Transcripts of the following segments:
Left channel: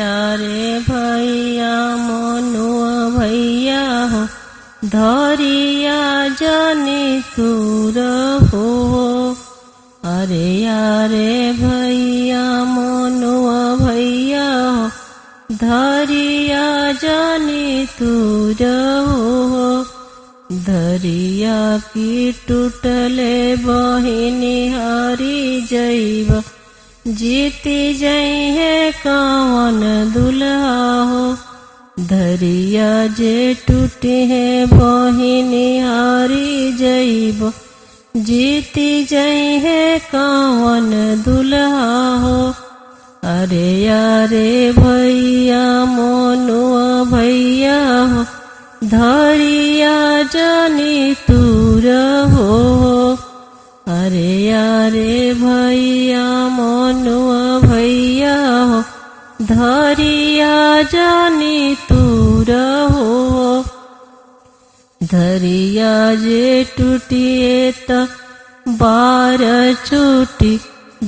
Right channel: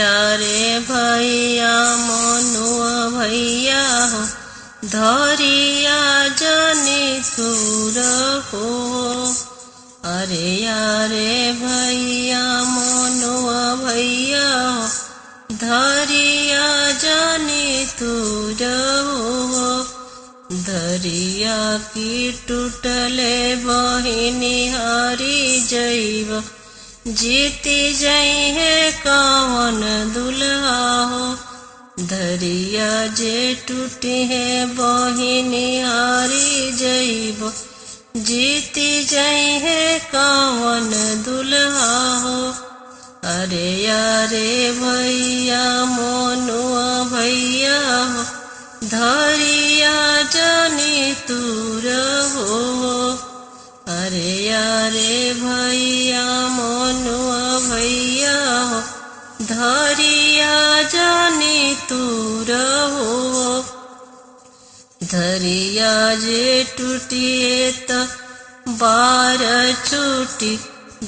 यारे भैया मनुआ भैया हो धरिया जानी तूर हो। अरे यारे भैया मनुआ भैया हो धरिया जानी तूर हो। धरिया की टूटले बहिनी हारी जैब जीती जइहे कावन दुल्हा हो। धरिया जे टूटी है बहिनी हारी जइब जीती जइहे कावन दुल्हा हो। अरे यारे भैया मनुआ भैया हो धरिया जानी तूर हो। अरे यारे भैया मनुआ भैया हो धरिया जानी तूर हो। धरिया जे टूटिए त बार छूटी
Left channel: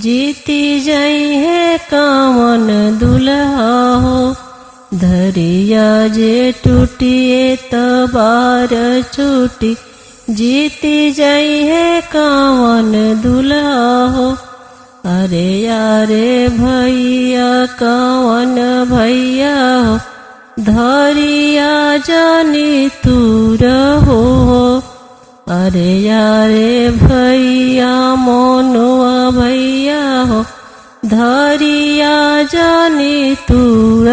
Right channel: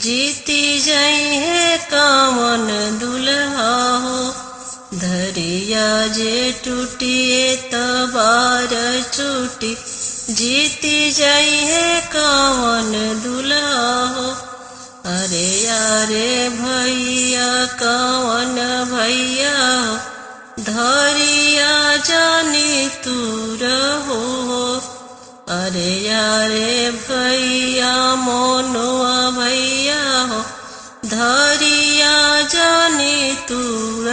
जीती जइहे कावन दुल्हा हो। धरिया जे टूटिए त बार छूटी जीती जइहे कावन दुल्हा हो। अरे यारे भैया कावन भैया हो धरिया जानी तूर हो। अरे यारे भैया मनुआ भैया हो धरिया जानी तूर